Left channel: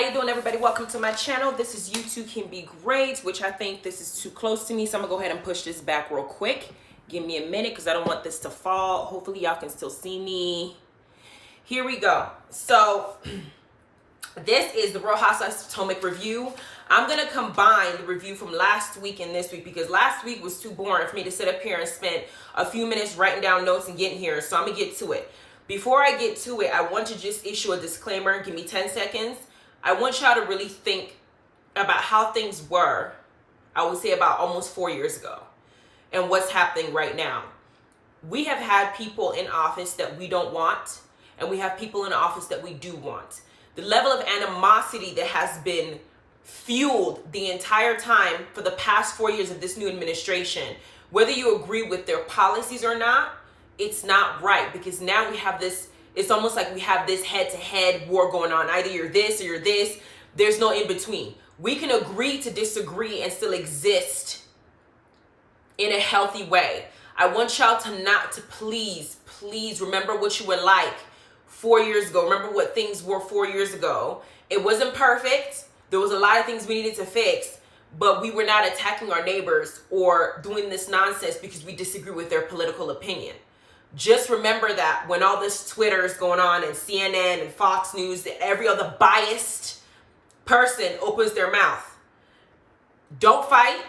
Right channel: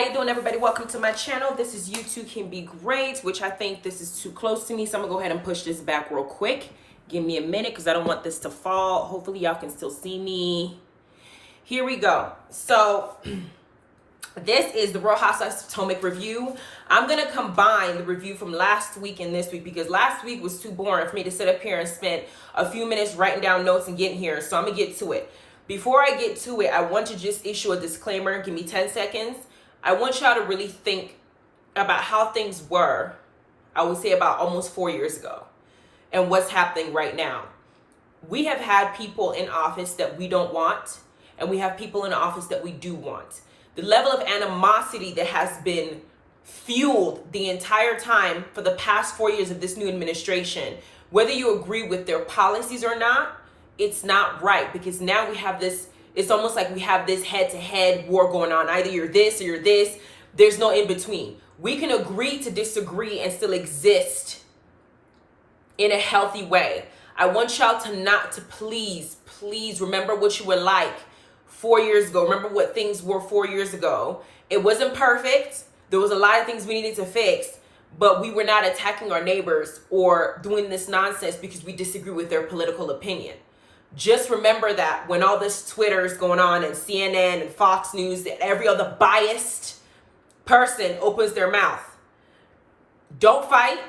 How you doing, everybody? Welcome to my channel. This is You Too Can Be Great, which I think this is too close to me, so I'm gonna go ahead and push this back real quick. Give me a minute because I don't want this to fall. Hopefully y'all can still see me. Here we go. So this is the Real Housewives of Potomac review. I'm gonna combine the review from last week and this week because last week was too boring for me to sit up here and spend a few minutes writing down notes and getting here. So I'm gonna get to it. Before I get to it, I want to just issue a disclaimer. Give me 10 seconds. I want y'all to really think about how things were, I would say about almost 4 years ago, and what's happening right now. We have had people in office that we don't want, and we have people in office that we do want. The level of animosity that has been fueled the entire time for the past 4 years of this new administration, whether you agree with their policies or not, it's not right, because now we have this, it's almost like we have this head-to-head war going on. Either you're this or you're this. There's no in-between. We can agree to disagree and still exist in a healthy way. I want y'all to please remember what you were like 4 years ago. Remember what things were 4 years ago. It wasn't perfect. There was a lot of things we needed to fix, but we were not attacking our neighbors or doing this nonsense because we disagree with their political opinion. Just remember that when all this Twitter is going on and CNN and Fox News, and every other biased person opens their mouth. Don't fight,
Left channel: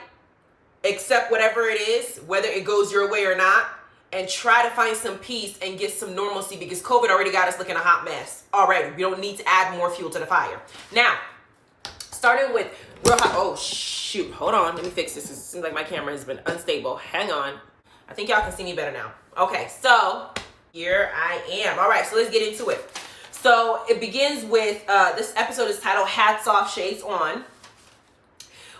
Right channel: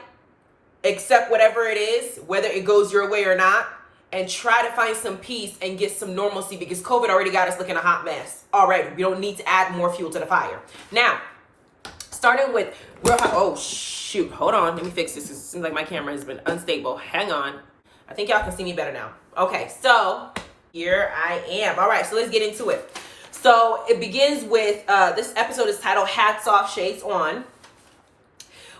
accept whatever it is, whether it goes your way or not, and try to find some peace and get some normalcy, because COVID already got us looking a hot mess already. We don't need to add more fuel to the fire. Now, starting with real hot. Oh shoot, hold on, let me fix this. It seems like my camera has been unstable. Hang on. I think y'all can see me better now. Okay, so here I am. All right, so let's get into it. So it begins with, this episode is titled Hats Off, Shades On,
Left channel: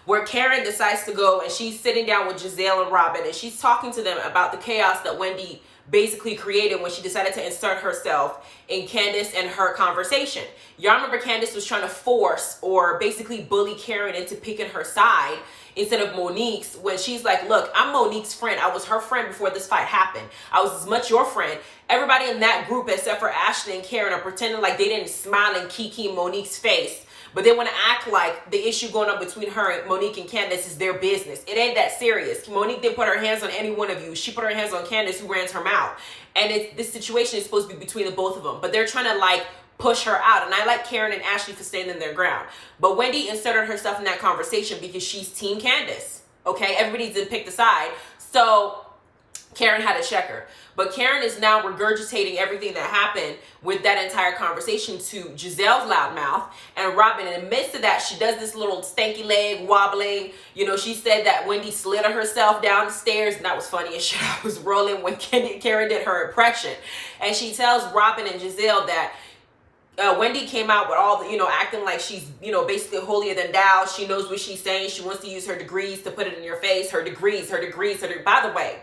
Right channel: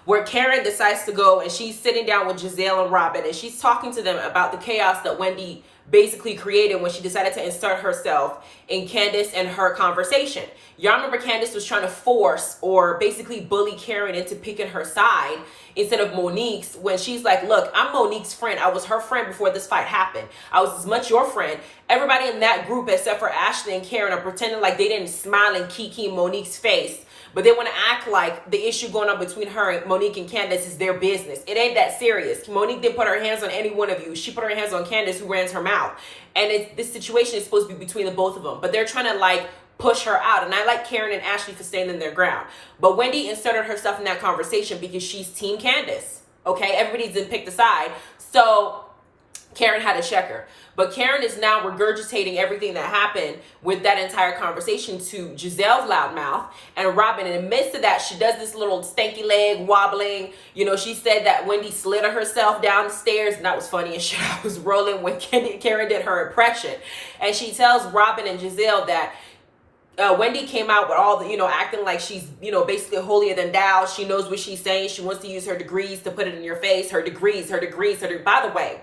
where Karen decides to go and she's sitting down with Giselle and Robin, and she's talking to them about the chaos that Wendy basically created when she decided to insert herself in Candace and her conversation. Y'all remember Candace was trying to force or basically bully Karen into picking her side instead of Monique's, when she's like, look, I'm Monique's friend. I was her friend before this fight happened. I was as much your friend. Everybody in that group except for Ashley and Karen are pretending like they didn't smile in Kiki Monique's face, but they want to act like the issue going on between her and Monique and Candace is their business. It ain't that serious. Monique didn't put her hands on any one of you. She put her hands on Candace, who ran her mouth. And this situation is supposed to be between the both of them. But they're trying to like push her out. And I like Karen and Ashley for standing their ground. But Wendy inserted herself in that conversation because she's Team Candace. Okay, everybody didn't pick the side. So Karen had to check her. But Karen is now regurgitating everything that happened with that entire conversation to Giselle's loud mouth. And Robin, in the midst of that, she does this little stanky leg wobbling. You know, she said that Wendy slid herself down the stairs, and that was funny as shit. I was rolling when Karen did her impression. And she tells Robin and Giselle that Wendy came out with all the, acting like she's, basically holier than thou. She knows what she's saying. She wants to use her degrees to put it in your face. Her degrees. By the way,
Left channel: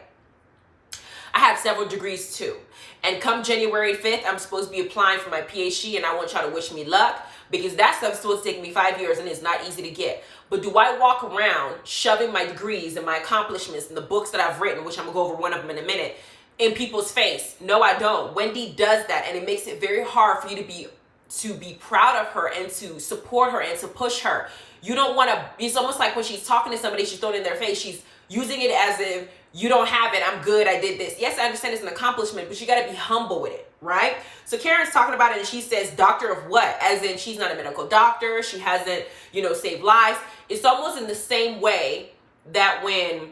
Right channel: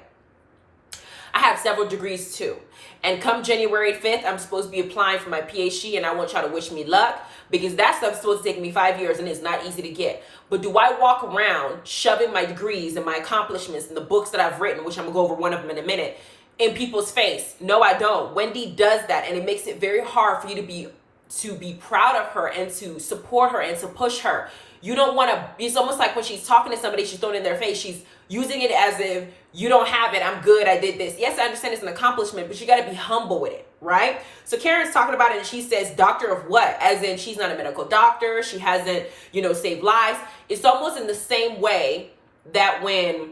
I have several degrees too. And come January 5th, I'm supposed to be applying for my PhD, and I want y'all to wish me luck, because that stuff's supposed to take me 5 years and it's not easy to get. But do I walk around shoving my degrees and my accomplishments and the books that I've written, which I'm gonna go over one of them in a minute, in people's face? No, I don't. Wendy does that, and it makes it very hard for you to be proud of her and to support her and to push her. You don't want to, it's almost like when she's talking to somebody, she's throwing it in their face. She's using it as if you don't have it. I'm good. I did this. Yes, I understand it's an accomplishment, but you got to be humble with it, right? So Karen's talking about it, and she says, doctor of what? As in she's not a medical doctor. She hasn't, saved lives. It's almost in the same way that when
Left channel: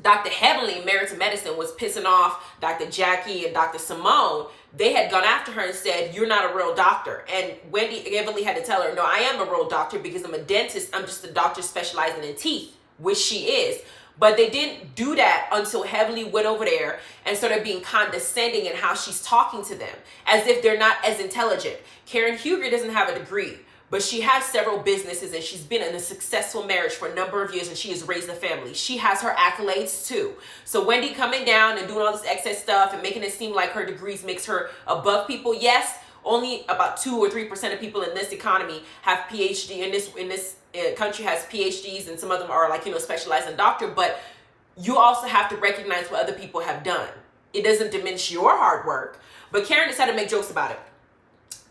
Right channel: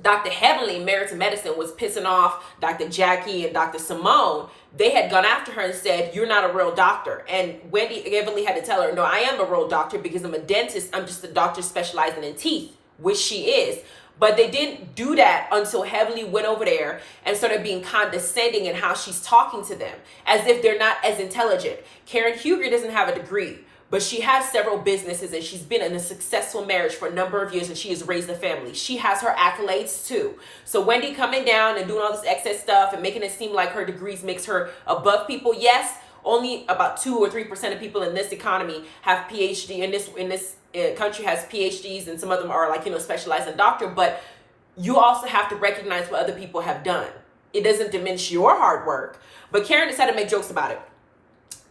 Dr. Heavenly, Marital Medicine, was pissing off Dr. Jackie and Dr. Simone, they had gone after her and said, you're not a real doctor. And Wendy Heavenly had to tell her, no, I am a real doctor because I'm a dentist. I'm just a doctor specializing in teeth, which she is. But they didn't do that until Heavenly went over there and started being condescending in how she's talking to them, as if they're not as intelligent. Karen Huger doesn't have a degree, but she has several businesses, and she's been in a successful marriage for a number of years, and she has raised a family. She has her accolades too. So Wendy coming down and doing all this excess stuff and making it seem like her degrees makes her above people. Yes, only about 2 or 3% of people in this economy have PhD in this country has PhDs, and some of them are like, specialized in doctor, but you also have to recognize what other people have done. It doesn't diminish your hard work. But Karen decided to make jokes about it.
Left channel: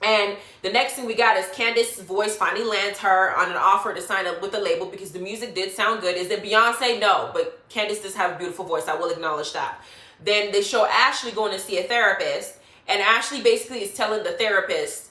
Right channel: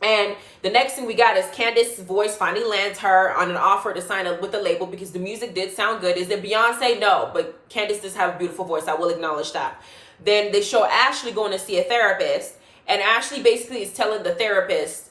And the next thing we got is Candace's voice finally lands her on an offer to sign up with the label because the music did sound good. Is it Beyonce? No, but Candace does have a beautiful voice. I will acknowledge that. Then they show Ashley going to see a therapist, and Ashley basically is telling the therapist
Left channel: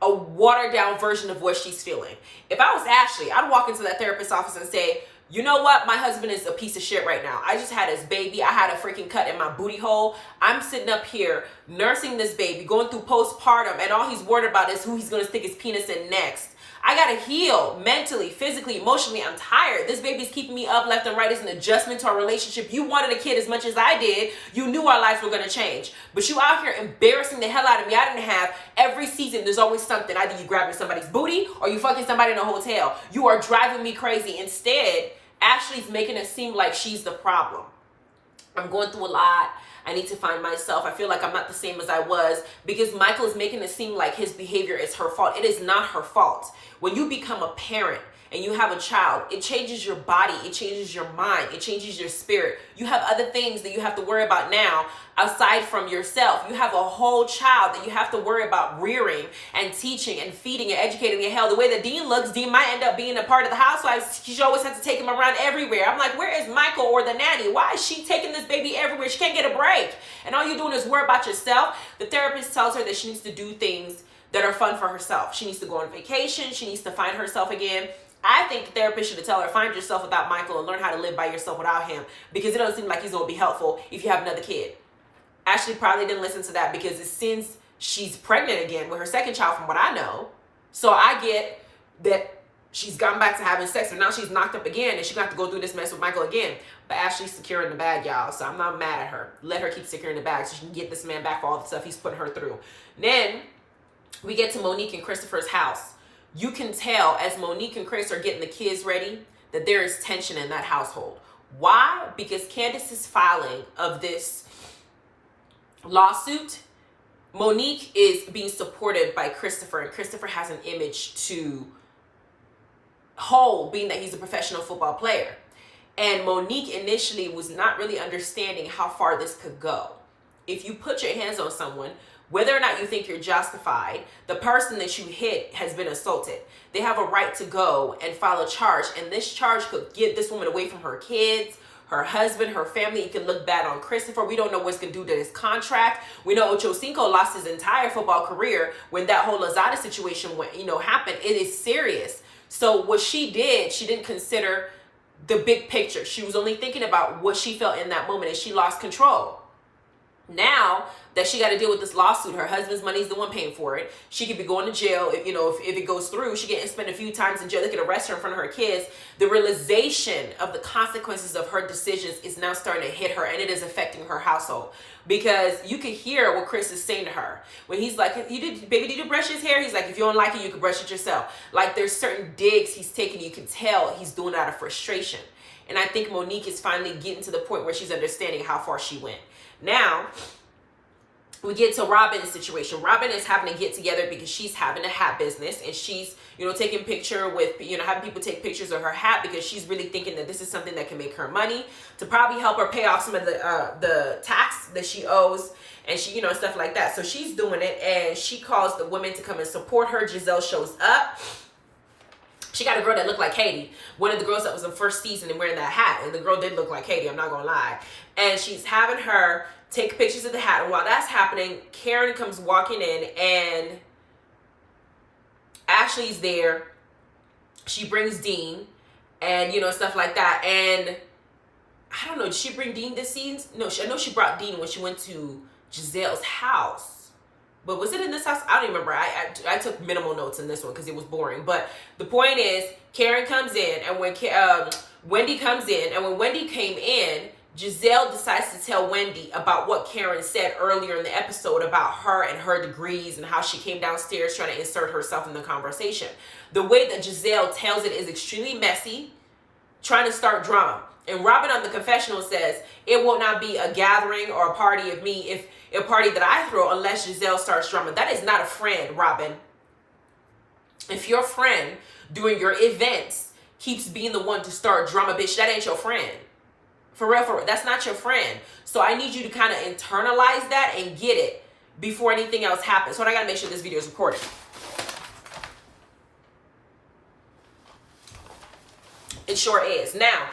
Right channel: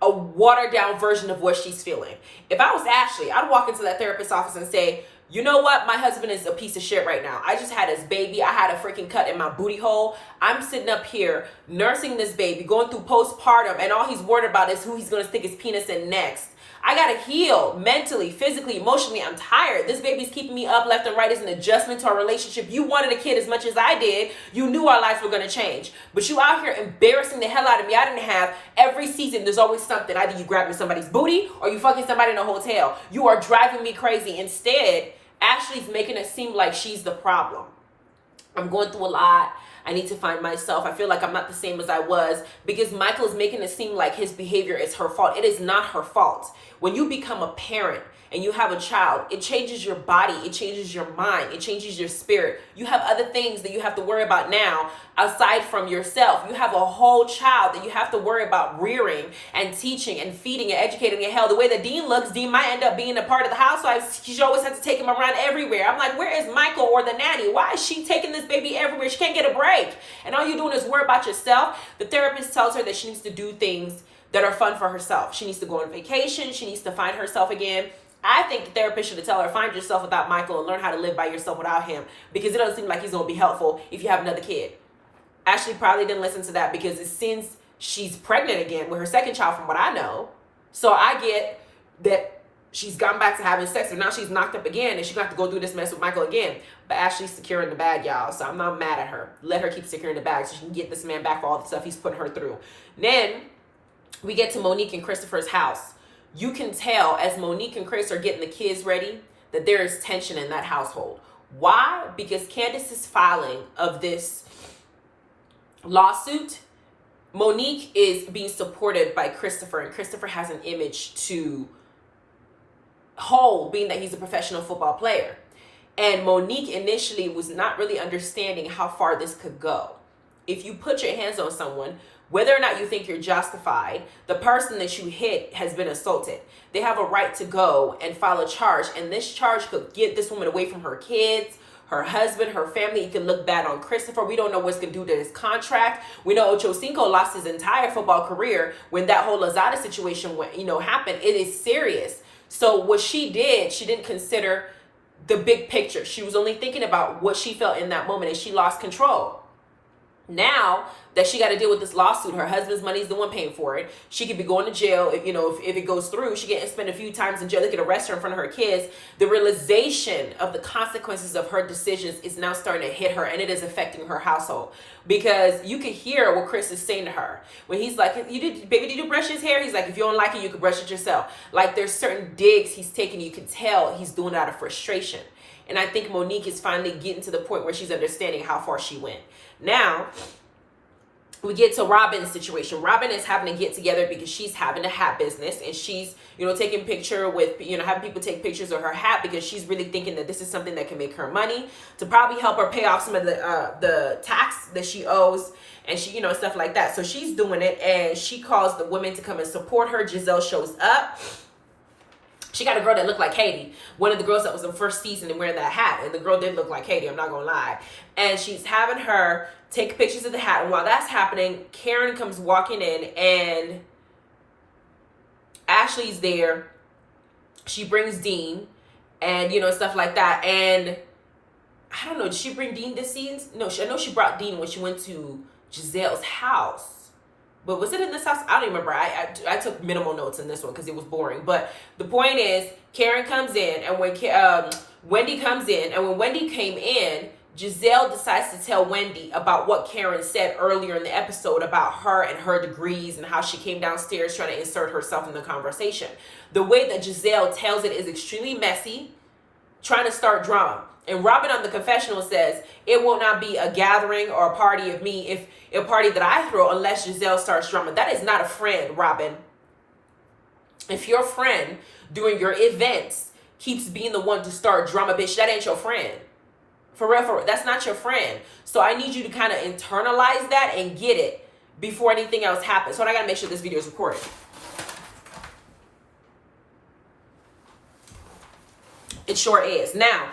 a watered down version of what she's feeling. If I was Ashley, I'd walk into that therapist's office and say, you know what? My husband is a piece of shit right now. I just had his baby. I had a freaking cut in my booty hole. I'm sitting up here nursing this baby, going through postpartum, and all he's worried about is who he's going to stick his penis in next. I got to heal mentally, physically, emotionally. I'm tired. This baby's keeping me up left and right. It's an adjustment to our relationship. You wanted a kid as much as I did. You knew our lives were going to change. But you out here embarrassing the hell out of me. I didn't have every season. There's always something. Either you grabbing somebody's booty or you fucking somebody in a hotel. You are driving me crazy. Instead, Ashley's making it seem like she's the problem. I'm going through a lot. I need to find myself. I feel like I'm not the same as I was because Michael is making it seem like his behavior is her fault. It is not her fault. When you become a parent and you have a child, it changes your body, it changes your mind, it changes your spirit. You have other things that you have to worry about now aside from yourself. You have a whole child that you have to worry about rearing and teaching and feeding and educating. And hell, the way that Dean looks, Dean might end up being a part of the Housewives. She always has to take him around everywhere. I'm like, where is Michael or the nanny? Why is she taking this baby everywhere? She can't get a break. And all you're doing is worry about yourself. The therapist tells her that she needs to do things that are fun for herself. She needs to go on vacation. She needs to find herself again. I think the therapist should tell her, find yourself without Michael and learn how to live by yourself without him, because it doesn't seem like he's going to be helpful if you have another kid. Ashley probably didn't listen to that because since she's pregnant again with her second child, from what I know, so I get that she's gone back to having sex, but now she's knocked up again and she's going to have to go through this mess with Michael again. But Ashley's securing the bag, y'all, so I'm not mad at her. Let her keep securing the bag so she can get this man back for all the stuff he's putting her through. Then we get to Monique and Christopher's house. You can tell as Monique and Chris are getting the kids ready that there is tension in that household. Why? Because Candace's filing of this lawsuit, Monique is being supported by Christopher, and Christopher has an image to hold, being that he's a professional football player. And Monique initially was not really understanding how far this could go. If you put your hands on someone, whether or not you think you're justified, the person that you hit has been assaulted. They have a right to go and file a charge, and this charge could get this woman away from her kids, her husband, her family. It can look bad on Christopher. We don't know what's going to do to his contract. We know Ocho Cinco lost his entire football career when that whole Lazada situation went, happened. It is serious. So what she did, she didn't consider the big picture. She was only thinking about what she felt in that moment, and she lost control. Now that she got to deal with this lawsuit, her husband's money is the one paying for it. She could be going to jail if it goes through. She can spend a few times in jail. They could arrest her in front of her kids. The realization of the consequences of her decisions is now starting to hit her, and it is affecting her household. Because you could hear what Chris is saying to her when he's like, baby, did you brush his hair? He's like, if you don't like it, you can brush it yourself. Like, there's certain digs he's taking. You can tell he's doing it out of frustration. And I think Monique is finally getting to the point where she's understanding how far she went. Now, we get to Robin's situation. Robin is having to get together because she's having a hat business, and she's, taking picture with, having people take pictures of her hat because she's really thinking that this is something that can make her money to probably help her pay off some of the tax that she owes, and she, stuff like that. So she's doing it, and she calls the women to come and support her. Giselle shows up. She got a girl that looked like Katie. One of the girls that was in first season and wearing that hat. And the girl did look like Katie, I'm not gonna lie. And she's having her take pictures of the hat. And while that's happening, Karen comes walking in, and Ashley's there. She brings Dean and, stuff like that. And I don't know, did she bring Dean this scene? No, I know she brought Dean when she went to Giselle's house. But was it in this house? I don't even remember. I took minimal notes in this one because it was boring. But the point is, Karen comes in, and when Wendy comes in, and when Wendy came in, Giselle decides to tell Wendy about what Karen said earlier in the episode about her and her degrees and how she came downstairs trying to insert herself in the conversation. The way that Giselle tells it is extremely messy, trying to start drama. And Robin on the confessional says, it will not be a gathering or a party of me, if a party that I throw, unless Giselle starts drama. That is not a friend, Robin. If your friend during your events keeps being the one to start drama, bitch, that ain't your friend. For real, that's not your friend. So I need you to kind of internalize that and get it. before anything else happens. So I gotta make sure this video is recorded. It sure is. Now,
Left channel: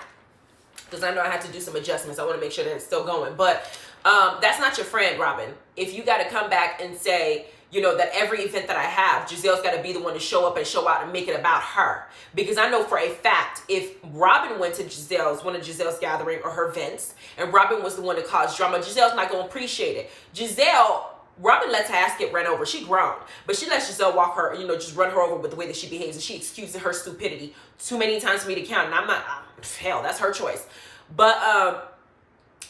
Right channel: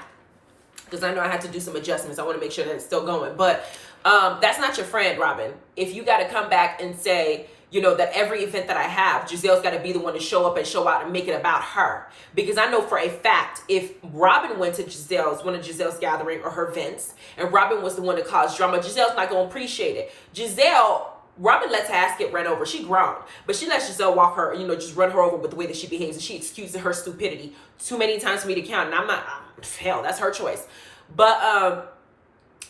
because I know I had to do some adjustments, I want to make sure that it's still going. But that's not your friend, Robin. If you got to come back and say, you know, that every event that I have, Gizelle's got to be the one to show up and show out and make it about her. Because I know for a fact, if Robin went to one of Gizelle's gathering or her events, and Robin was the one to cause drama, Gizelle's not going to appreciate it. Robin lets her ass get run over. She grown. But she lets Giselle walk her, you know, just run her over with the way that she behaves. And she excuses her stupidity too many times for me to count. And I'm not, hell, that's her choice. But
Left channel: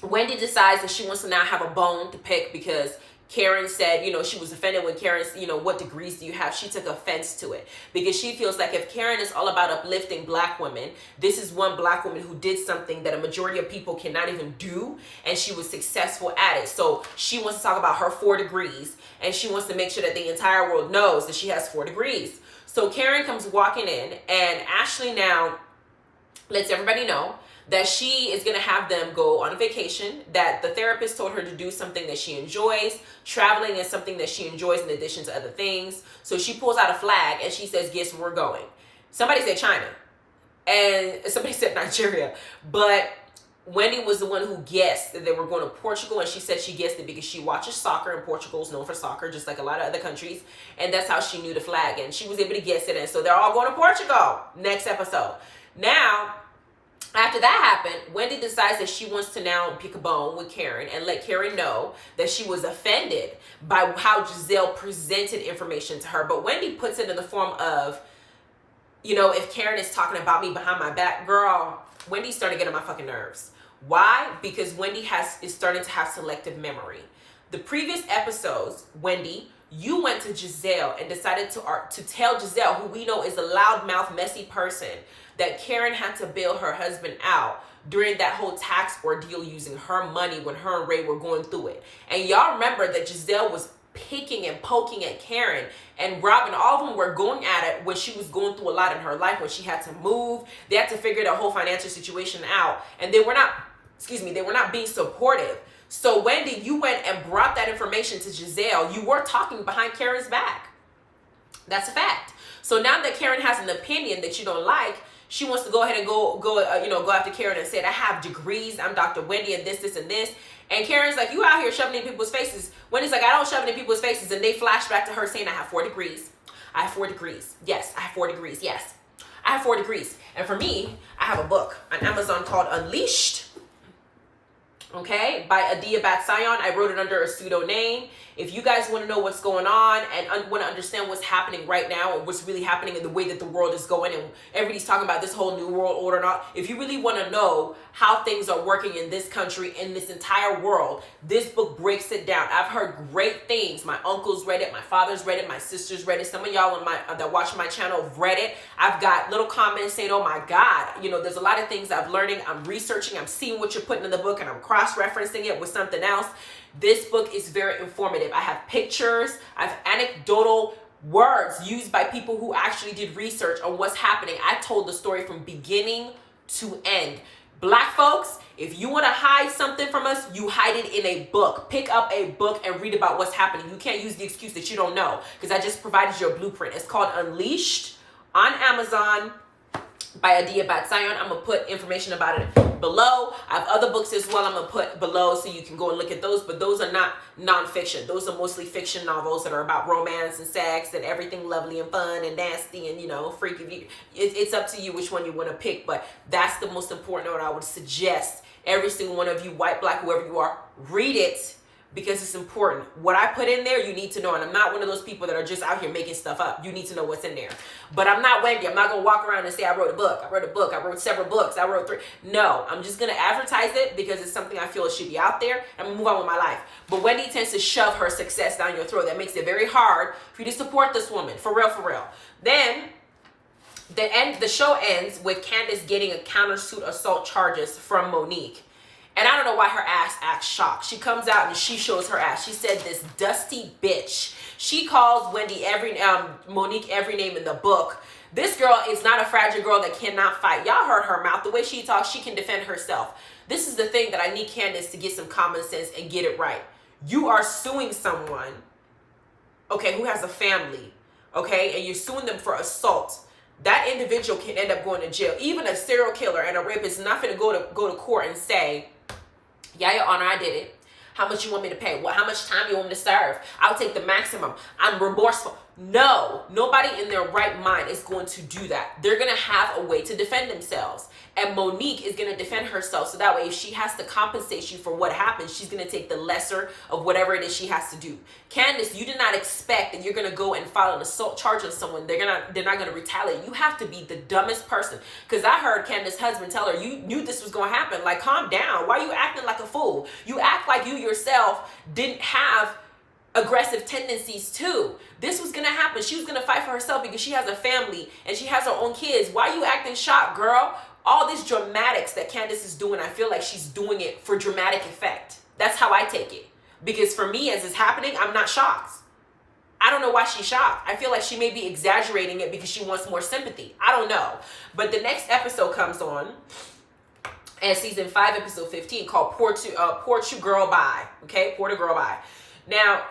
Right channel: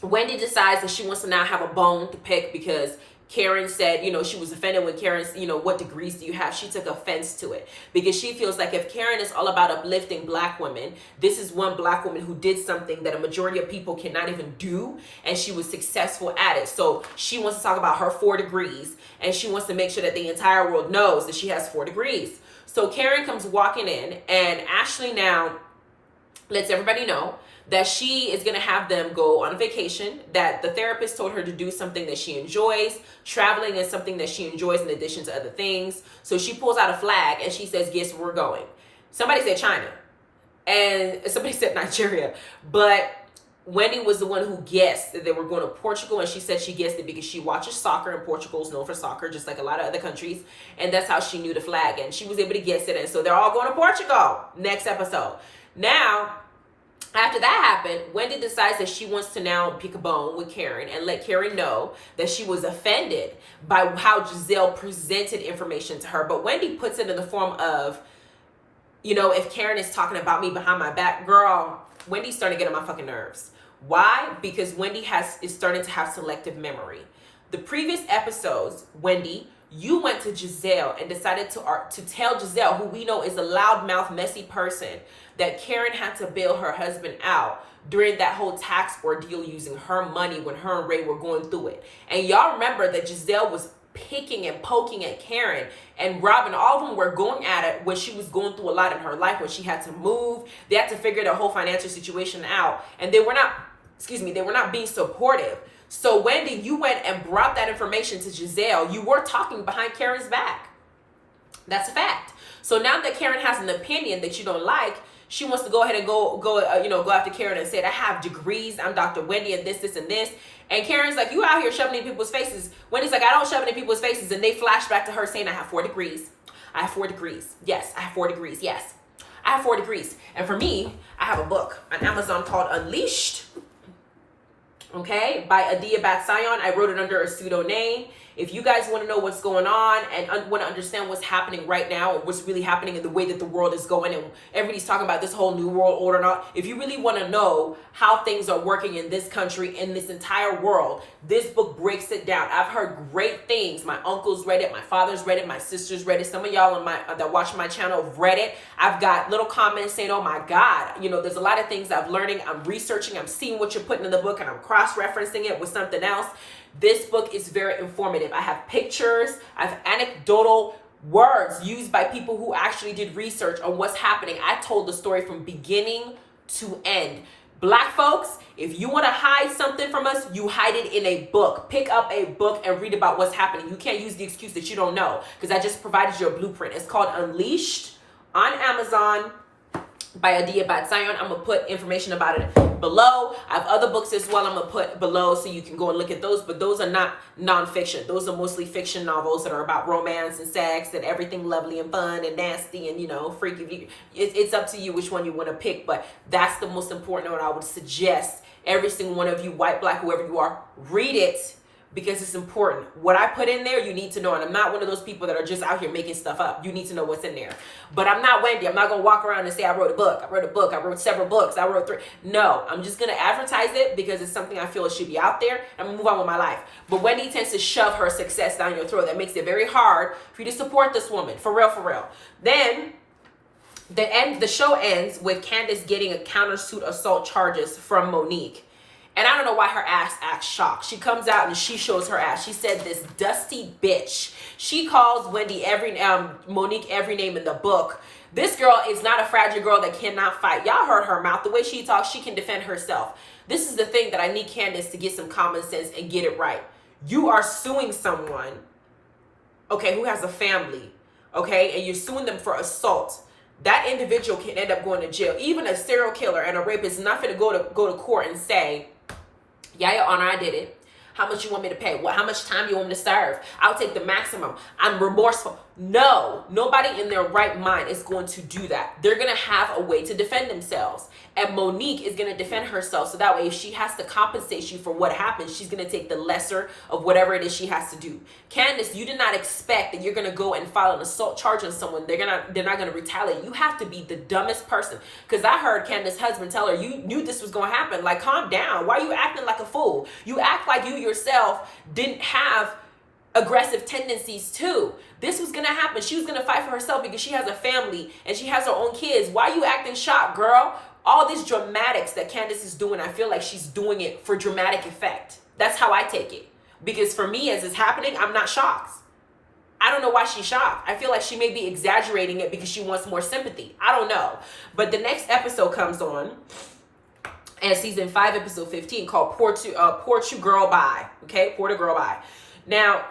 Wendy decides that she wants to now have a bone to pick because Karen said, you know, she was offended when Karen, you know, what degrees do you have? She took offense to it because she feels like if Karen is all about uplifting black women, this is one black woman who did something that a majority of people cannot even do, and she was successful at it. So she wants to talk about her 4 degrees, and she wants to make sure that the entire world knows that she has 4 degrees. So Karen comes walking in, and Ashley now lets everybody know that she is going to have them go on a vacation, that the therapist told her to do something that she enjoys. Traveling is something that she enjoys in addition to other things. So she pulls out a flag and she says, guess where we're going? Somebody said China and somebody said Nigeria, but Wendy was the one who guessed that they were going to Portugal, and she said she guessed it because she watches soccer, and Portugal is known for soccer, just like a lot of other countries, and that's how she knew the flag, and she was able to guess it, and so they're all going to Portugal next episode. Now, after that happened, Wendy decides that she wants to now pick a bone with Karen and let Karen know that she was offended by how Giselle presented information to her. But Wendy puts it in the form of, you know, if Karen is talking about me behind my back, girl, Wendy's starting to get on my fucking nerves. Why? Because Wendy is starting to have selective memory. The previous episodes, Wendy, you went to Giselle and decided to tell Giselle, who we know is a loudmouth, messy person, that Karen had to bail her husband out during that whole tax ordeal using her money when her and Ray were going through it. And y'all remember that Giselle was picking and poking at Karen and Robin. All of them were going at it when she was going through a lot in her life, when she had to move. They had to figure the whole financial situation out. And they were not being supportive. So Wendy, you went and brought that information to Giselle. You were talking behind Karen's back. That's a fact. So now that Karen has an opinion that you don't like, she wants to go ahead and go after Karen and said, I have degrees. I'm Dr. Wendy and this, and this. And Karen's like, you out here shoving in people's faces. Wendy's like, I don't shove it in people's faces. And they flash back to her saying, I have 4 degrees. I have 4 degrees. Yes, I have 4 degrees. Yes, I have 4 degrees. And for me, I have a book on Amazon called Unleashed. Okay, by Adiya Bat-Tziyon. I wrote it under a pseudo name. If you guys want to know what's going on and want to understand what's happening right now and what's really happening in the way that the world is going, and everybody's talking about this whole new world order and all, if you really want to know how things are working in this country, in this entire world, this book breaks it down. I've heard great things. My uncles read it, my father's read it, my sisters read it. Some of y'all that watch my channel have read it. I've got little comments saying, oh my God, there's a lot of things I'm learning, I'm researching, I'm seeing what you're putting in the book, and I'm cross-referencing it with something else. This book is very informative. I have pictures, I have anecdotal words used by people who actually did research on what's happening. I told the story from beginning to end. Black folks, if you want to hide something from us, you hide it in a book. Pick up a book and read about what's happening. You can't use the excuse that you don't know, because I just provided you a blueprint. It's called Unleashed on Amazon by Adiya Bat-Tziyon. I'm going to put information about it below. I have other books as well I'm going to put below so you can go and look at those, but those are not nonfiction. Those are mostly fiction novels that are about romance and sex and everything lovely and fun and nasty and, freaky. It's up to you which one you want to pick, but that's the most important one. I would suggest every single one of you, white, black, whoever you are, read it, because it's important. What I put in there, you need to know. And I'm not one of those people that are just out here making stuff up. You need to know what's in there. But I'm not Wendy. I'm not going to walk around and say, I wrote a book. I wrote several books. I wrote 3. No, I'm just going to advertise it because it's something I feel it should be out there. I'm going to move on with my life. But Wendy tends to shove her success down your throat. That makes it very hard for you to support this woman. For real, for real. Then the show ends with Candace getting a countersuit assault charges from Monique. And I don't know why her ass acts shocked. She comes out and she shows her ass. She said, this dusty bitch. She calls Monique every name in the book. This girl is not a fragile girl that cannot fight. Y'all heard her mouth. The way she talks, she can defend herself. This is the thing that I need Candace to get some common sense and get it right. you are suing someone, okay, who has a family, okay, and you're suing them for assault, that individual can end up going to jail. Even a serial killer and a rapist is not going to go to court and say, yeah, Your Honor, I did it. How much you want me to pay? How much time you want me to serve? I'll take the maximum. I'm remorseful. No, nobody in their right mind is going to do that. They're going to have a way to defend themselves. And Monique is going to defend herself. So that way, if she has to compensate you for what happened, she's going to take the lesser of whatever it is she has to do. Candace, you did not expect that you're going to go and file an assault charge on someone. They're not going to retaliate. You have to be the dumbest person. Because I heard Candace's husband tell her, you knew this was going to happen. Like, calm down. Why are you acting like a fool? You act like you yourself didn't have aggressive tendencies too. This was gonna happen. She was gonna fight for herself because she has a family and she has her own kids. Why are you acting shocked, girl? All these dramatics that Candace is doing, I feel like she's doing it for dramatic effect. That's how I take it. Because for me, as it's happening, I'm not shocked. I don't know why she's shocked. I feel like she may be exaggerating it because she wants more sympathy. I don't know. But the next episode comes on, and season 5, episode 15, called Portu-Girl-Bye. Okay, Portu-Girl-Bye. Now,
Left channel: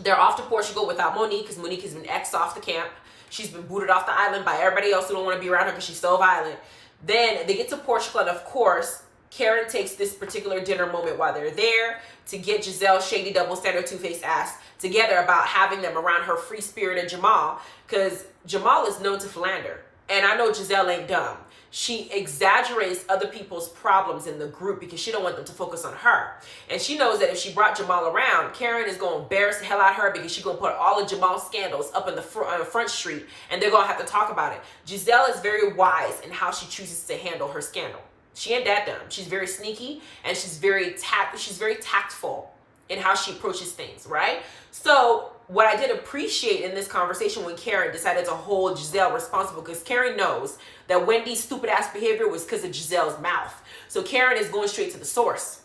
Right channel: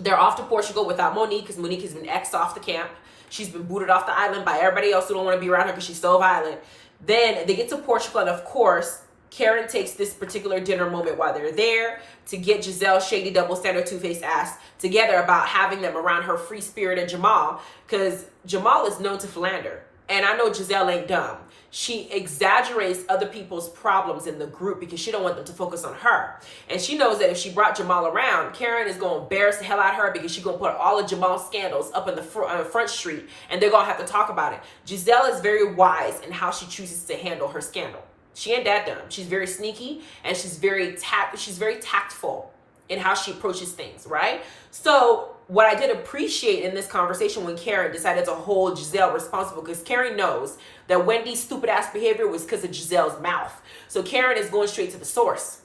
they're off to Portugal without Monique because Monique has been X'd off the camp. She's been booted off the island by everybody else who don't want to be around her because she's so violent. Then they get to Portugal, and of course, Karen takes this particular dinner moment while they're there to get Giselle's shady, double standard, two-faced ass together about having them around her free spirit and Jamal, because Jamal is known to philander. And I know Giselle ain't dumb. She exaggerates other people's problems in the group because she don't want them to focus on her. And she knows that if she brought Jamal around, Karen is going to embarrass the hell out of her because she's going to put all of Jamal's scandals up in the front street, and they're going to have to talk about it. Giselle is very wise in how she chooses to handle her scandal. She ain't that dumb. She's very sneaky, and she's very tactful in how she approaches things, right? So what I did appreciate in this conversation when Karen decided to hold Giselle responsible, because Karen knows that Wendy's stupid ass behavior was because of Giselle's mouth. So Karen is going straight to the source.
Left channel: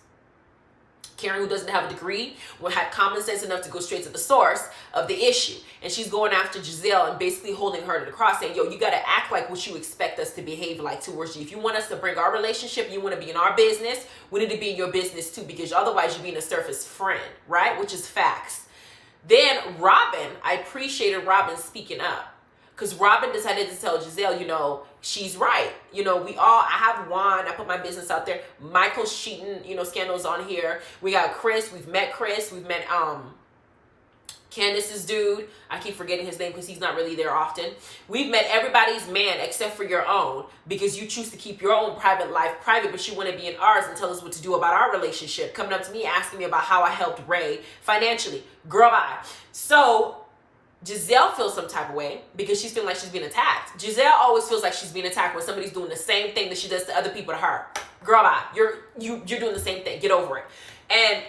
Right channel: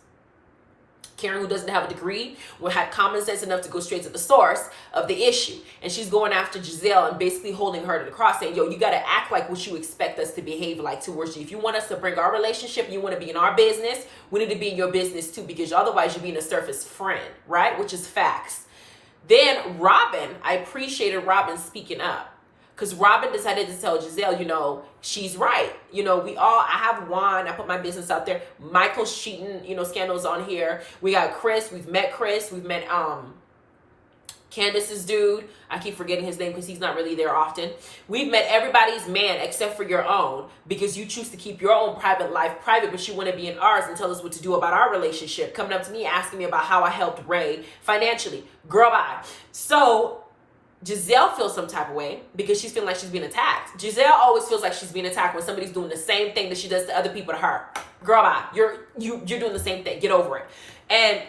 Karen, who doesn't have a degree, will have common sense enough to go straight to the source of the issue. And she's going after Giselle and basically holding her to the cross, saying, yo, you got to act like what you expect us to behave like towards you. If you want us to bring our relationship, you want to be in our business, we need to be in your business too, because otherwise you're being a surface friend, right? Which is facts. Then Robin, I appreciated Robin speaking up, because Robin decided to tell Giselle, you know, she's right. You know, I have Juan, I put my business out there. Michael's cheating, you know, scandals on here. We got Chris, we've met Candace's dude. I keep forgetting his name because he's not really there often. We've met everybody's man except for your own, because you choose to keep your own private life private, but you want to be in ours and tell us what to do about our relationship. Coming up to me asking me about how I helped Ray financially. Girl, bye. So Giselle feels some type of way because she's feeling like she's being attacked. Giselle always feels like she's being attacked when somebody's doing the same thing that she does to other people to her. Girl, bye. You're doing the same thing. Get over it. And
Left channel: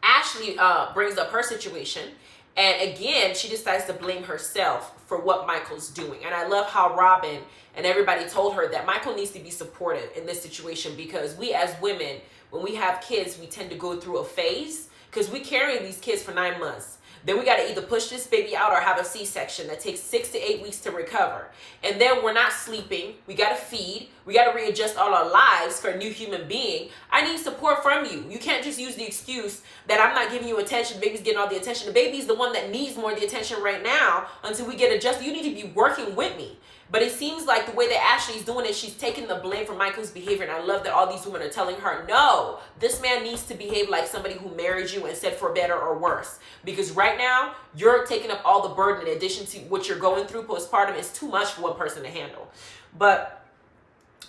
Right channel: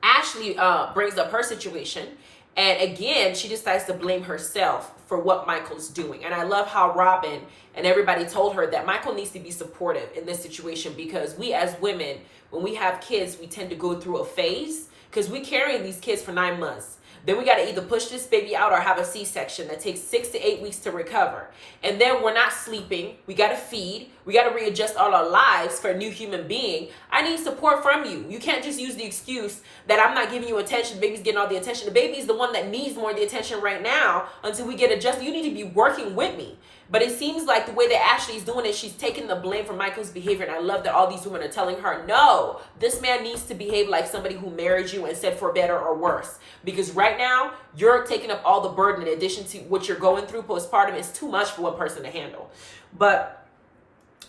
Ashley brings up her situation, and again she decides to blame herself for what Michael's doing. And I love how Robin and everybody told her that Michael needs to be supportive in this situation, because we as women, when we have kids, we tend to go through a phase because we carry these kids for 9 months. Then we got to either push this baby out or have a C-section that takes 6 to 8 weeks to recover. And then we're not sleeping. We got to feed. We got to readjust all our lives for a new human being. I need support from you. You can't just use the excuse that I'm not giving you attention. The baby's getting all the attention. The baby's the one that needs more of the attention right now until we get adjusted. You need to be working with me. But it seems like the way that Ashley's doing it, she's taking the blame for Michael's behavior. And I love that all these women are telling her, no, this man needs to behave like somebody who married you and said for better or worse. Because right now, you're taking up all the burden in addition to what you're going through postpartum. Is too much for one person to handle. But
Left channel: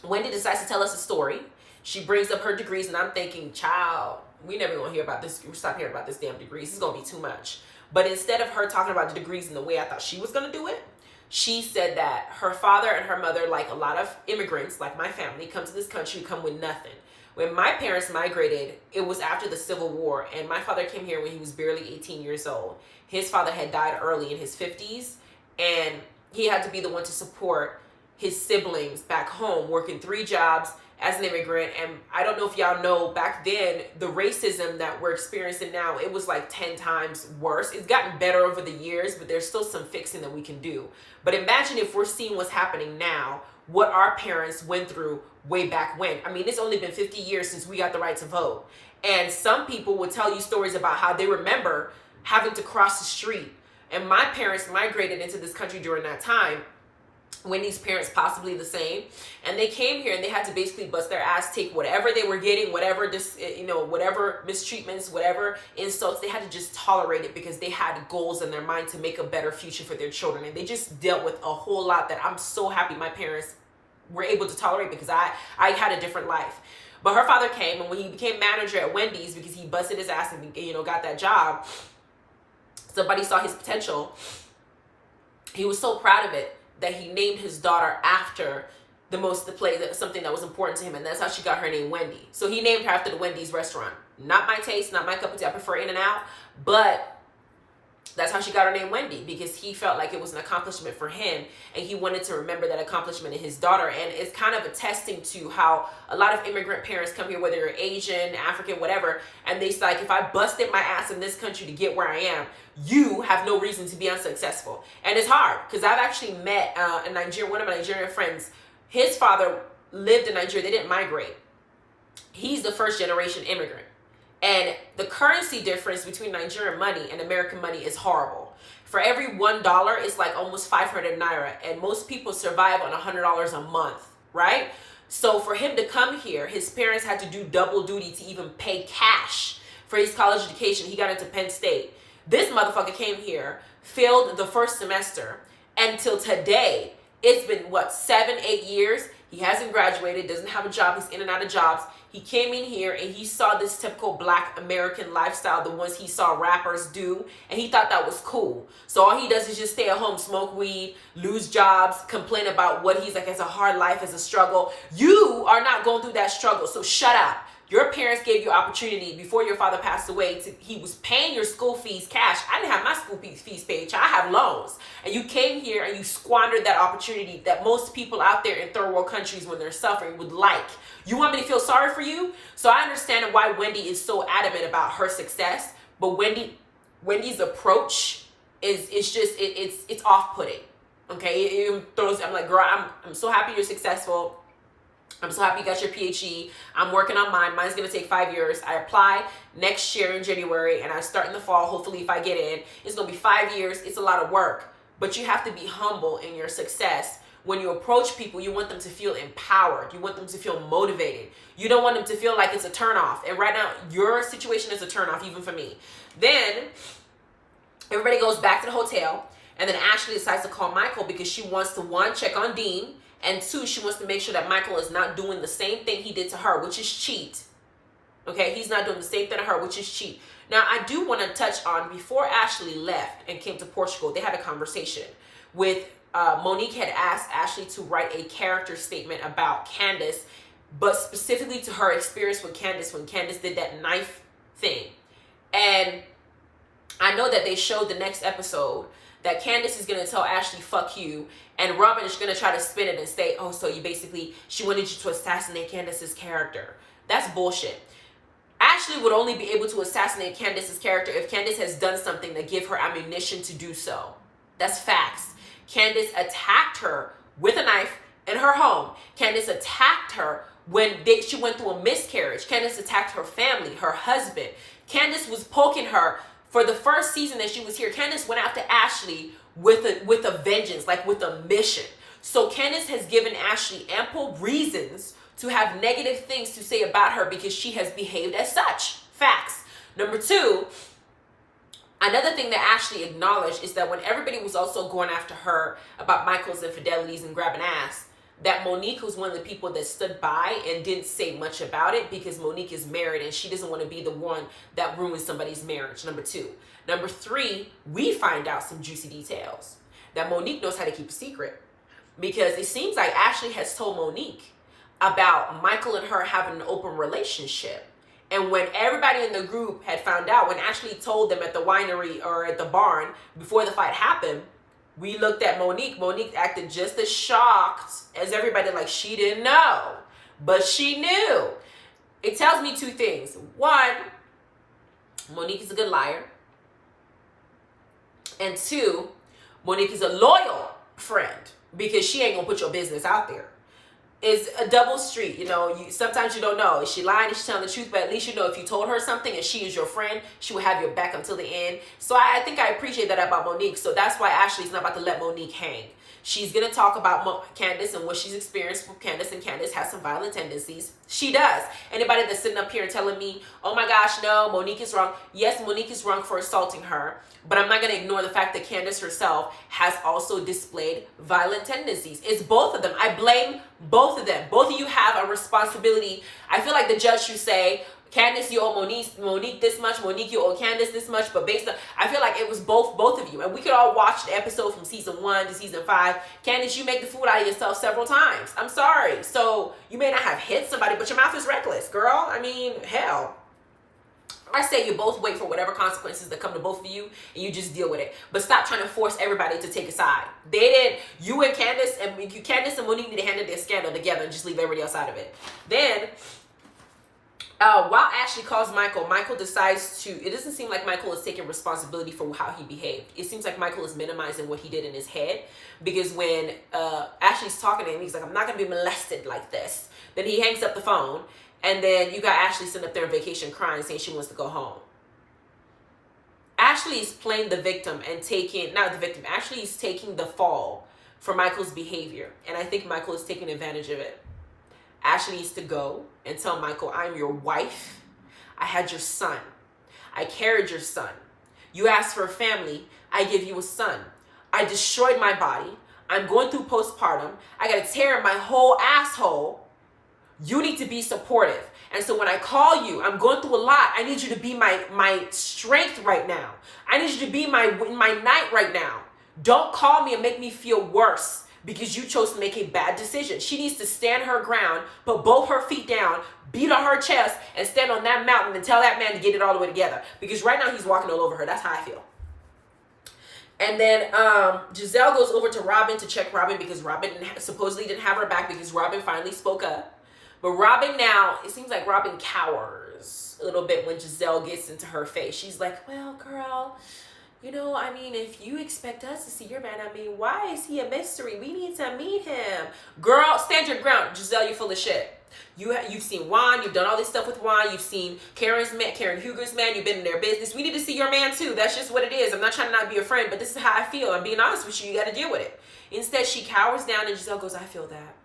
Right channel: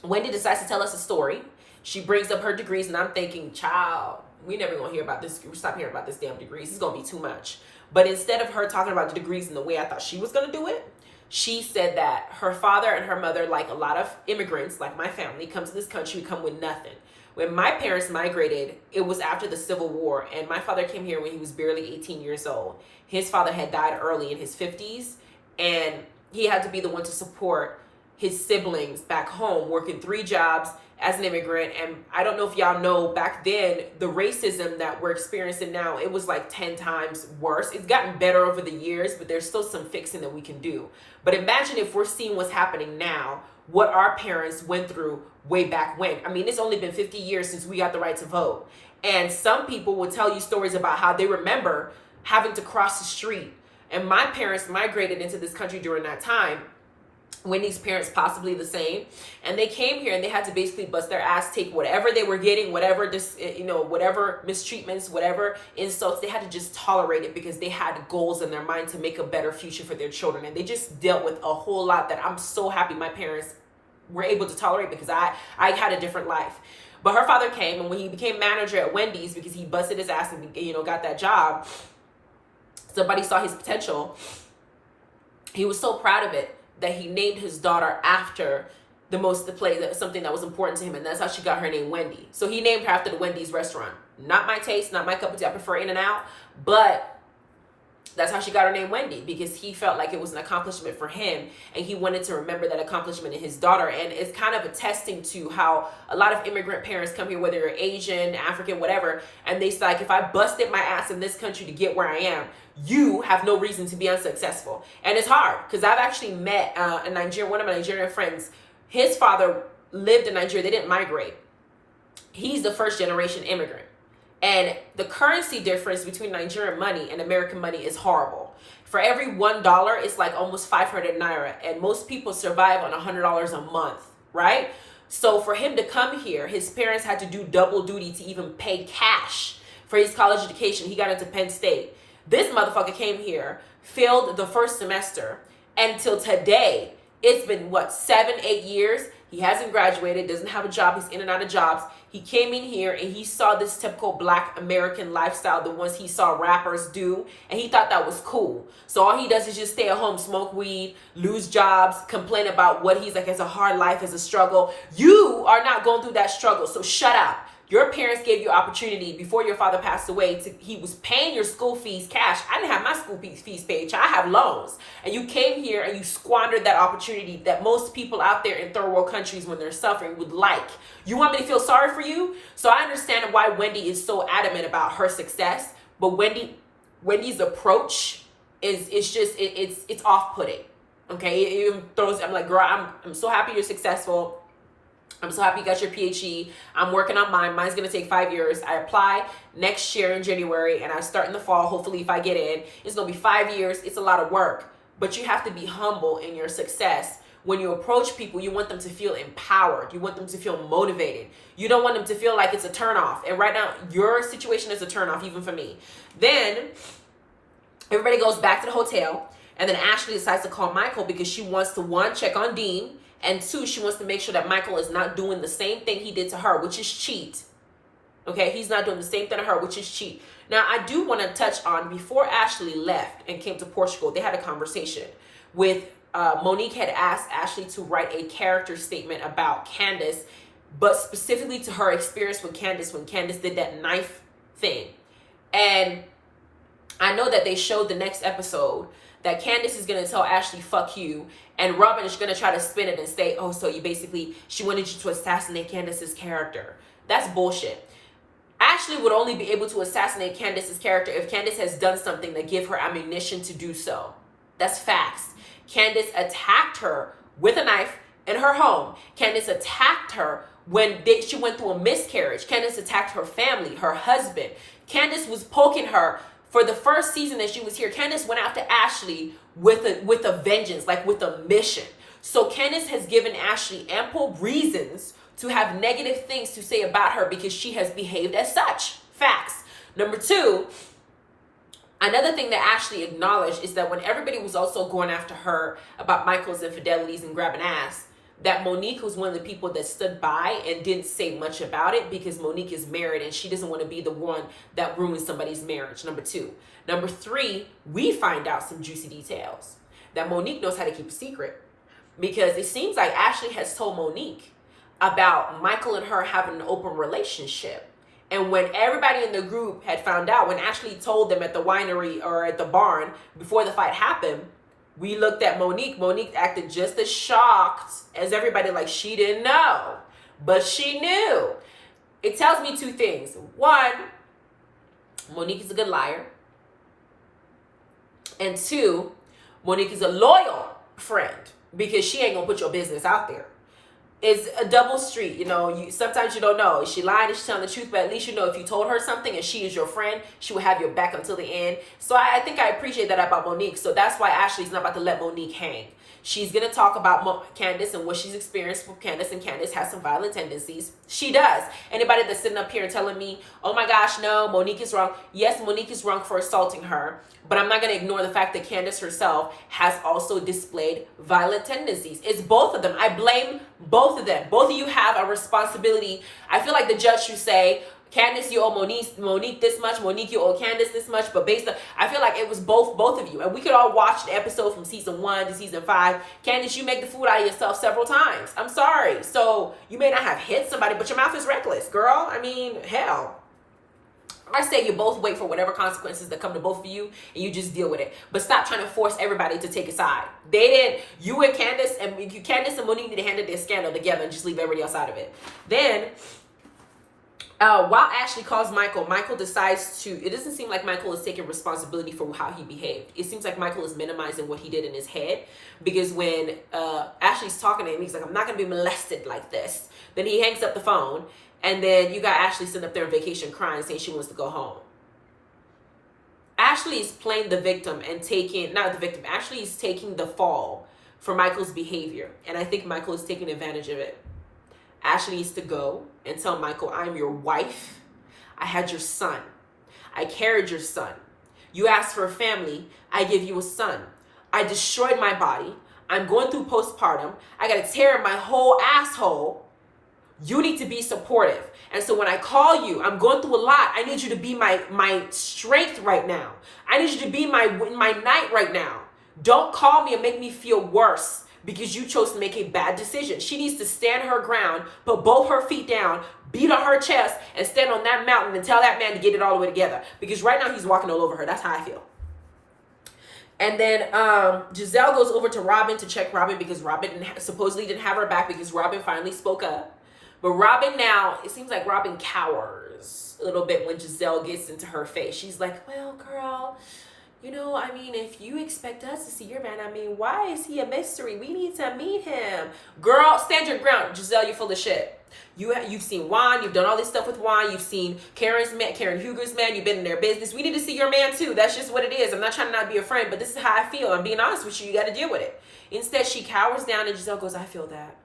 Wendy decides to tell us a story. She brings up her degrees, and I'm thinking, child, we never gonna hear about this. We stop hearing about this damn degrees. It's gonna be too much. But instead of her talking about the degrees in the way I thought she was gonna do it, she said that her father and her mother, like a lot of immigrants, like my family, come to this country, come with nothing. When my parents migrated, it was after the Civil War, and my father came here when he was barely 18 years old. His father had died early in his 50s, and he had to be the one to support his siblings back home, working 3 jobs as an immigrant. And I don't know if y'all know, back then, the racism that we're experiencing now, it was like 10 times worse. It's gotten better over the years, but there's still some fixing that we can do. But imagine if we're seeing what's happening now, what our parents went through way back when. I mean, it's only been 50 years since we got the right to vote. And some people will tell you stories about how they remember having to cross the street. And my parents migrated into this country during that time. Wendy's parents possibly the same, and they came here and they had to basically bust their ass, take whatever they were getting, whatever whatever mistreatments, whatever insults, they had to just tolerate it because they had goals in their mind to make a better future for their children. And they just dealt with a whole lot that I'm so happy my parents were able to tolerate, because I had a different life. But her father came, and when he became manager at Wendy's, because he busted his ass and got that job, somebody saw his potential. He was so proud of it that he named his daughter after something that was important to him, and that's how she got her name, Wendy. So he named her after the Wendy's restaurant. Not my taste, not my cup of tea. I prefer In-N-Out, but that's how she got her name, Wendy, because he felt like it was an accomplishment for him, and he wanted to remember that accomplishment in his daughter. And it's kind of attesting to how a lot of immigrant parents come here, whether you're Asian, African, whatever, and they say, like, if I busted my ass in this country to get where I am, you have no reason to be unsuccessful. And it's hard, because I've actually met one of my Nigerian friends. His father lived in Nigeria. They didn't migrate. He's the first generation immigrant. And the currency difference between Nigerian money and American money is horrible. For every $1, it's like almost 500 Naira. And most people survive on $100 a month, right? So for him to come here, his parents had to do double duty to even pay cash for his college education. He got into Penn State. This motherfucker came here, failed the first semester, and till today, it's been, 7-8 years? He hasn't graduated, doesn't have a job, he's in and out of jobs. He came in here and he saw this typical Black American lifestyle, the ones he saw rappers do, and he thought that was cool. So all he does is just stay at home, smoke weed, lose jobs, complain about what he's like as a hard life, as a struggle. You are not going through that struggle, so shut up. Your parents gave you opportunity before your father passed away. He was paying your school fees cash. I didn't have my school fees paid. I have loans. And you came here and you squandered that opportunity that most people out there in third world countries, when they're suffering, would like. You want me to feel sorry for you? So I understand why Wendy is so adamant about her success. But Wendy's approach it's off-putting. Okay, I'm like, girl, I'm so happy you're successful. I'm so happy you got your PhD. I'm working on mine. Mine's going to take 5 years. I apply next year in January, and I start in the fall. Hopefully, if I get in, it's going to be 5 years. It's a lot of work, but you have to be humble in your success. When you approach people, you want them to feel empowered. You want them to feel motivated. You don't want them to feel like it's a turnoff. And right now, your situation is a turnoff, even for me. Then everybody goes back to the hotel, and then Ashley decides to call Michael because she wants to, one, check on Dean, and two, she wants to make sure that Michael is not doing the same thing he did to her, which is cheat. Okay, he's not doing the same thing to her, which is cheat. Now, I do want to touch on, before Ashley left and came to Portugal, they had a conversation with, Monique had asked Ashley to write a character statement about Candace, but specifically to her experience with Candace when Candace did that knife thing. And I know that they showed the next episode that Candace is going to tell Ashley, fuck you. And Robin is going to try to spin it and say, oh, so she wanted you to assassinate Candace's character. That's bullshit. Ashley would only be able to assassinate Candace's character if Candace has done something that give her ammunition to do so. That's facts. Candace attacked her with a knife in her home. Candace attacked her when she went through a miscarriage. Candace attacked her family, her husband. Candace was poking her. For the first season that she was here, Candace went after Ashley with a vengeance, like with a mission. So Candace has given Ashley ample reasons to have negative things to say about her because she has behaved as such. Facts. Number two, another thing that Ashley acknowledged is that when everybody was also going after her about Michael's infidelities and grabbing ass, that Monique was one of the people that stood by and didn't say much about it because Monique is married and she doesn't want to be the one that ruins somebody's marriage. Number two. Number three, we find out some juicy details that Monique knows how to keep a secret, because it seems like Ashley has told Monique about Michael and her having an open relationship. And when everybody in the group had found out, when Ashley told them at the winery or at the barn before the fight happened, we looked at Monique. Monique acted just as shocked as everybody, like she didn't know. But she knew. It tells me two things. One, Monique is a good liar. And two, Monique is a loyal friend because she ain't going to put your business out there. is a double street. You know, sometimes you don't know. Is she lying? Is she telling the truth? But at least you know if you told her something and she is your friend, she will have your back until the end. So I think I appreciate that about Monique. So that's why Ashley's not about to let Monique hang. She's going to talk about Candace and what she's experienced with Candace, and Candace has some violent tendencies. She does. Anybody that's sitting up here and telling me, oh my gosh, no, Monique is wrong. Yes, Monique is wrong for assaulting her, but I'm not going to ignore the fact that Candace herself has also displayed violent tendencies. It's both of them. I blame both of them. Both of you have a responsibility. I feel like the judge should say, Candace, you owe Monique this much. Monique, you owe Candace this much. But based on, I feel like it was both of you. And we could all watch the episode from season 1 to season 5. Candace, you make the fool out of yourself several times. I'm sorry. So you may not have hit somebody, but your mouth is reckless, girl. I mean, hell. I say you both wait for whatever consequences that come to both of you, and you just deal with it. But stop trying to force everybody to take a side. They didn't. You and Candace and Monique need to handle their scandal together and just leave everybody else out of it. Then, while Ashley calls Michael, Michael decides to, it doesn't seem like Michael is taking responsibility for how he behaved. It seems like Michael is minimizing what he did in his head, because when Ashley's talking to him, he's like, I'm not going to be molested like this. Then he hangs up the phone, and then you got Ashley sitting up there on vacation crying, saying she wants to go home. Ashley is playing the victim and taking, not the victim, Ashley is taking the fall for Michael's behavior. And I think Michael is taking advantage of it. Ashley needs to go and tell Michael, I'm your wife. I had your son. I carried your son. You asked for a family. I give you a son. I destroyed my body. I'm going through postpartum. I got to tear my whole asshole. You need to be supportive. And so when I call you, I'm going through a lot. I need you to be my strength right now. I need you to be my night right now. Don't call me and make me feel worse because you chose to make a bad decision. She needs to stand her ground, put both her feet down, beat on her chest, and stand on that mountain and tell that man to get it all the way together. Because right now he's walking all over her. That's how I feel. And then Giselle goes over to Robin to check Robin because Robin supposedly didn't have her back because Robin finally spoke up. But Robin now, it seems like Robin cowers a little bit when Giselle gets into her face. She's like, well, girl, you know, I mean, if you expect us to see your man, I mean, why is he a mystery? We need to meet him. Girl, stand your ground. Giselle, you're full of shit. You've seen Juan. You've done all this stuff with Juan. You've seen Karen Huger's man. You've been in their business. We need to see your man, too. That's just what it is. I'm not trying to not be a friend, but this is how I feel. I'm being honest with you. You got to deal with it. Instead, she cowers down, and Giselle goes, I feel that.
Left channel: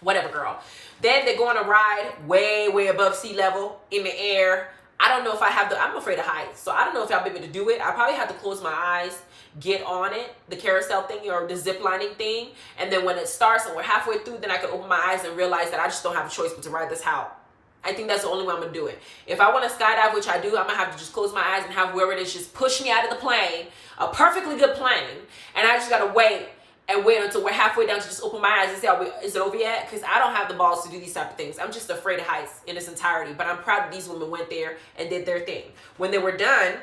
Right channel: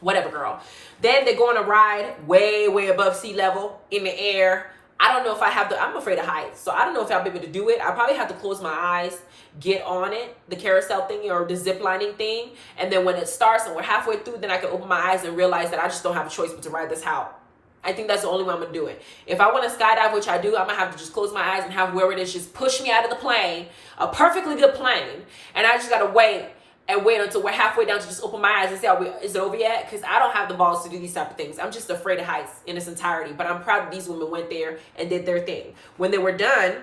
Whatever, girl. Then they go on a ride way, way above sea level in the air. I don't know if I'm afraid of heights. So I don't know if I'll be able to do it. I probably have to close my eyes, get on it, the carousel thing or the zip lining thing. And then when it starts and we're halfway through, then I can open my eyes and realize that I just don't have a choice but to ride this out. I think that's the only way I'm going to do it. If I want to skydive, which I do, I'm going to have to just close my eyes and have whoever it is just push me out of the plane, a perfectly good plane. And I just got to wait until we're halfway down to just open my eyes and say, is it over yet? Because I don't have the balls to do these type of things. I'm just afraid of heights in its entirety. But I'm proud that these women went there and did their thing. When they were done,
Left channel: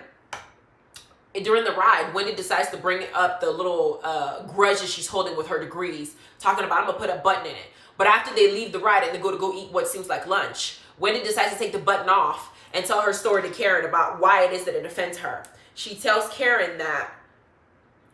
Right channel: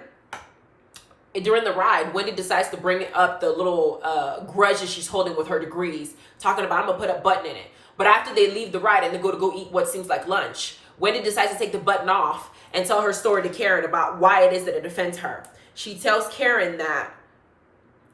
during the ride, Wendy decides to bring up the little grudges she's holding with her degrees, talking about, I'm going to put a button in it. But after they leave the ride and they go eat what seems like lunch, Wendy decides to take the button off and tell her story to Karen about why it is that it offends her. She tells Karen that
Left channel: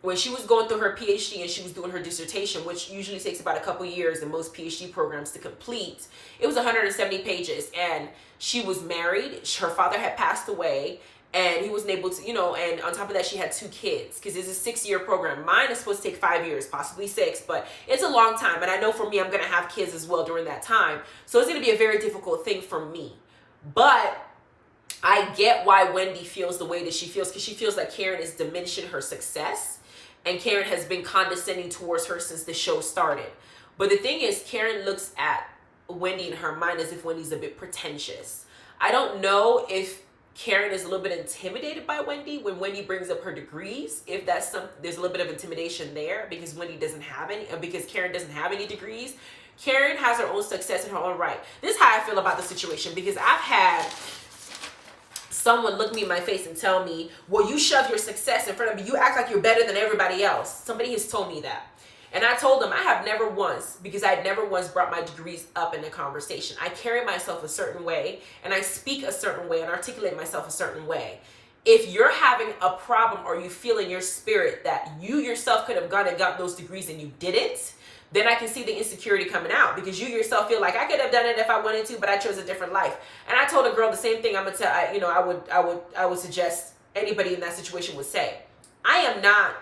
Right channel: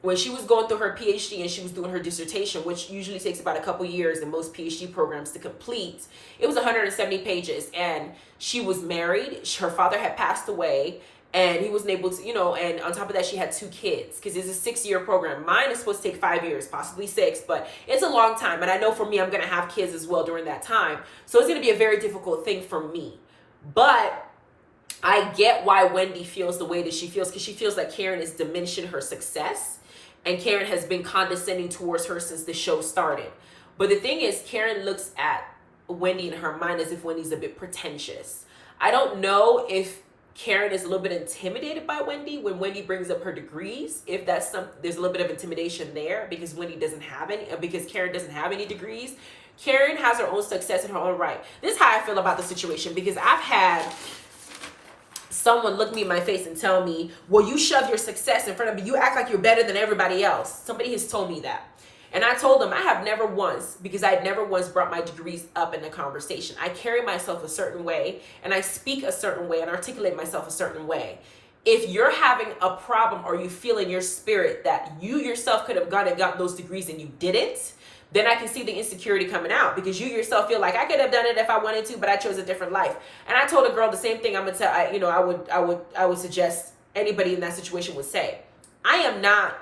when she was going through her PhD and she was doing her dissertation, which usually takes about a couple years in most PhD programs to complete, it was 170 pages. And she was married. Her father had passed away. And he wasn't able to, and on top of that, she had 2 kids because it's a 6-year program. Mine is supposed to take 5 years, possibly 6, but it's a long time. And I know for me, I'm going to have kids as well during that time. So it's going to be a very difficult thing for me. But I get why Wendy feels the way that she feels, because she feels like Karen is diminishing her success. And Karen has been condescending towards her since the show started. But the thing is, Karen looks at Wendy in her mind as if Wendy's a bit pretentious. I don't know if Karen is a little bit intimidated by Wendy when Wendy brings up her degrees. If there's a little bit of intimidation there because Wendy doesn't have any, because Karen doesn't have any degrees. Karen has her own success in her own right. This is how I feel about the situation, because I've had someone look me in my face and tell me, well, you shove your success in front of me. You act like you're better than everybody else. Somebody has told me that. And I told them I have never once, because I had never once brought my degrees up in the conversation. I carry myself a certain way and I speak a certain way and articulate myself a certain way. if you're having a problem or you feel in your spirit that you yourself could have gone and gotten those degrees and you didn't, then I can see the insecurity coming out, because you yourself feel like I could have done it if I wanted to, but I chose a different life. And I told a girl the same thing. I'm gonna tell, I would suggest anybody in that situation would say, I am not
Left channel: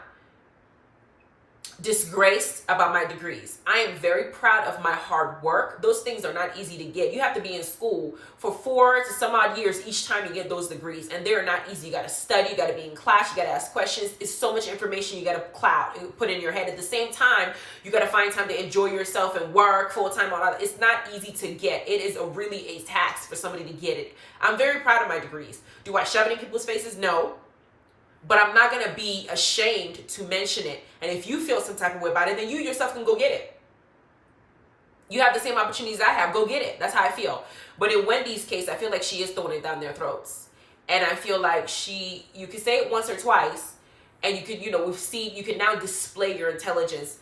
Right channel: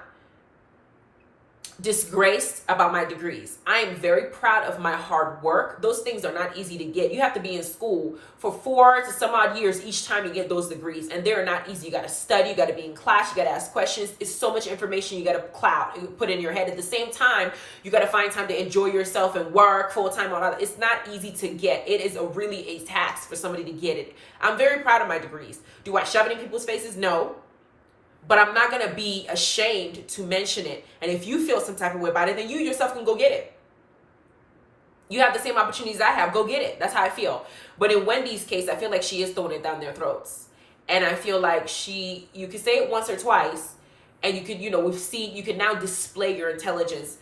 disgraced about my degrees. I am very proud of my hard work. Those things are not easy to get. You have to be in school for 4 to some odd years each time you get those degrees, and they're not easy. You got to study, you got to be in class, you got to ask questions. It's so much information you got to put in your head. At the same time, you got to find time to enjoy yourself and work full time on other. It's not easy to get. It is really a tax for somebody to get it. I'm very proud of my degrees. Do I shove it in people's faces? No. But I'm not going to be ashamed to mention it. And if you feel some type of way about it, then you yourself can go get it. You have the same opportunities I have. Go get it. That's how I feel. But in Wendy's case, I feel like she is throwing it down their throats. And I feel like you could say it once or twice, and you could, you can now display your intelligence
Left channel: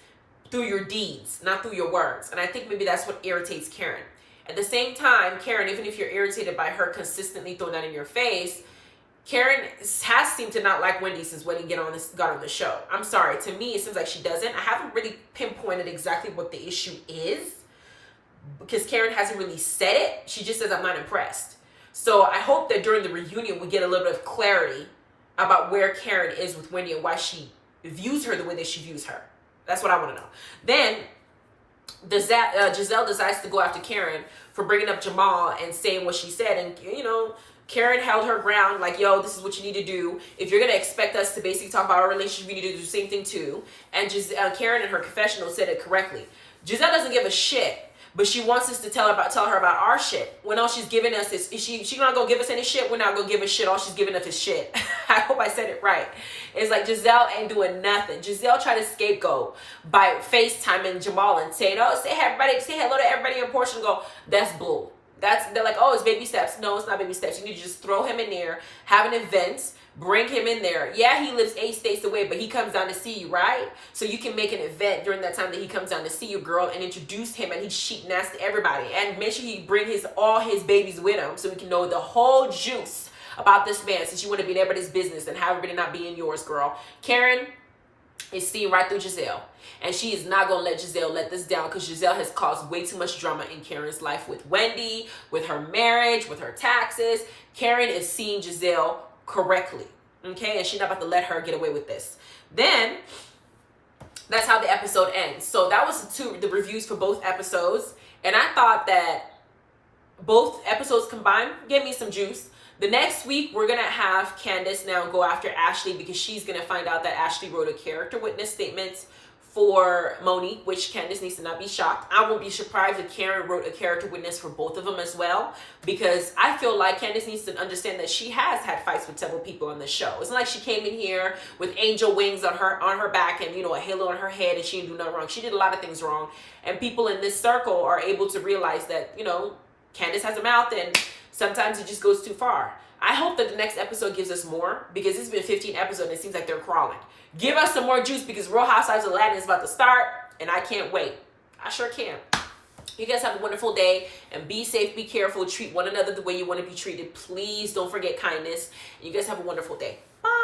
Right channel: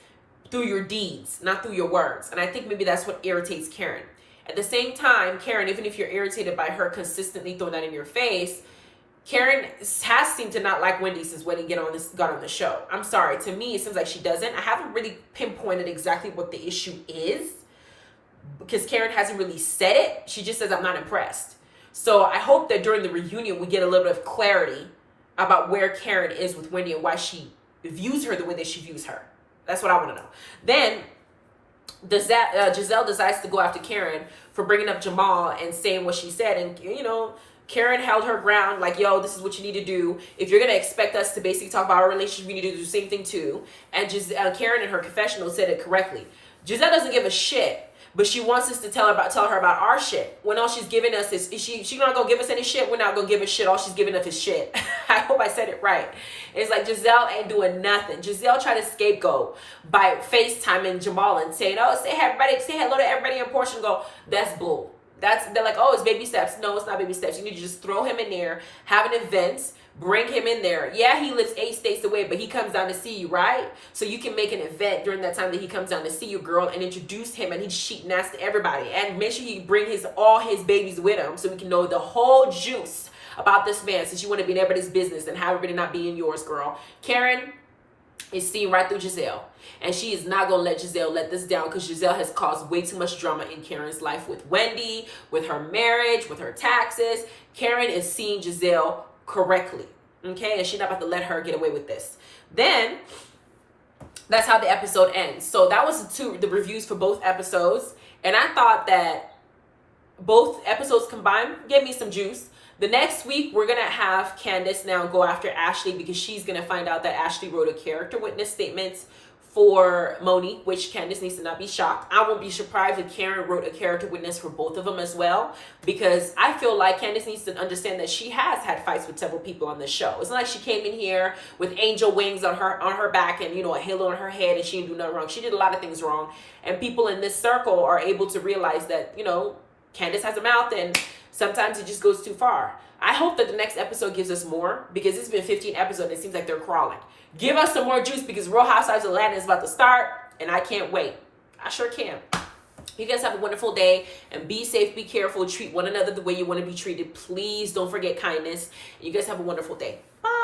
through your deeds, not through your words. And I think maybe that's what irritates Karen. At the same time, Karen, even if you're irritated by her consistently throwing that in your face, Karen has seemed to not like Wendy since Wendy got on the show. I'm sorry. To me, it seems like she doesn't. I haven't really pinpointed exactly what the issue is, because Karen hasn't really said it. She just says, I'm not impressed. So I hope that during the reunion, we get a little bit of clarity about where Karen is with Wendy and why she views her the way that she views her. That's what I want to know. Then Giselle decides to go after Karen for bringing up Jamal and saying what she said. And, Karen held her ground, like, yo, this is what you need to do. If you're going to expect us to basically talk about our relationship, we need to do the same thing too. And Karen in her confessional said it correctly. Giselle doesn't give a shit, but she wants us to tell her about our shit. When all she's giving us is she not going to give us any shit? We're not going to give a shit. All she's giving us is shit. I hope I said it right. It's like Giselle ain't doing nothing. Giselle tried to scapegoat by FaceTiming Jamal and saying, oh, say hello to everybody in Portugal. That's bull. They're like, oh, it's baby steps. No, it's not baby steps. You need to just throw him in there, have an event, bring him in there. Yeah, he lives 8 states away, but he comes down to see you, right? So you can make an event during that time that he comes down to see you, girl, and introduce him, and he's cheating ass to everybody. And make sure he bring all his babies with him so we can know the whole juice about this man, since you want to be in everybody's business and have everybody not be in yours, girl. Karen is seeing right through Giselle. And she is not going to let Giselle let this down, because Giselle has caused way too much drama in Karen's life with Wendy, with her marriage, with her taxes. Karen is seeing Giselle correctly. Okay? And she's not about to let her get away with this. Then, that's how the episode ends. So that was the reviews for both episodes. And I thought that both episodes combined gave me some juice. The next week, we're going to have Candace now go after Ashley, because she's going to find out that Ashley wrote a character witness statement for Monique, which Candace needs to not be shocked. I won't be surprised if Karen wrote a character witness for both of them as well, because I feel like Candace needs to understand that she has had fights with several people on the show. It's not like she came in here with angel wings on her back and, a halo on her head, and she didn't do nothing wrong. She did a lot of things wrong. And people in this circle are able to realize that, Candace has a mouth, and sometimes it just goes too far. I hope that the next episode gives us more, because it's been 15 episodes and it seems like they're crawling. Give us some more juice, because Real Housewives of Atlanta is about to start, and I can't wait. I sure can. You guys have a wonderful day, and be safe, be careful, treat one another the way you want to be treated. Please don't forget kindness. You guys have a wonderful day. Bye.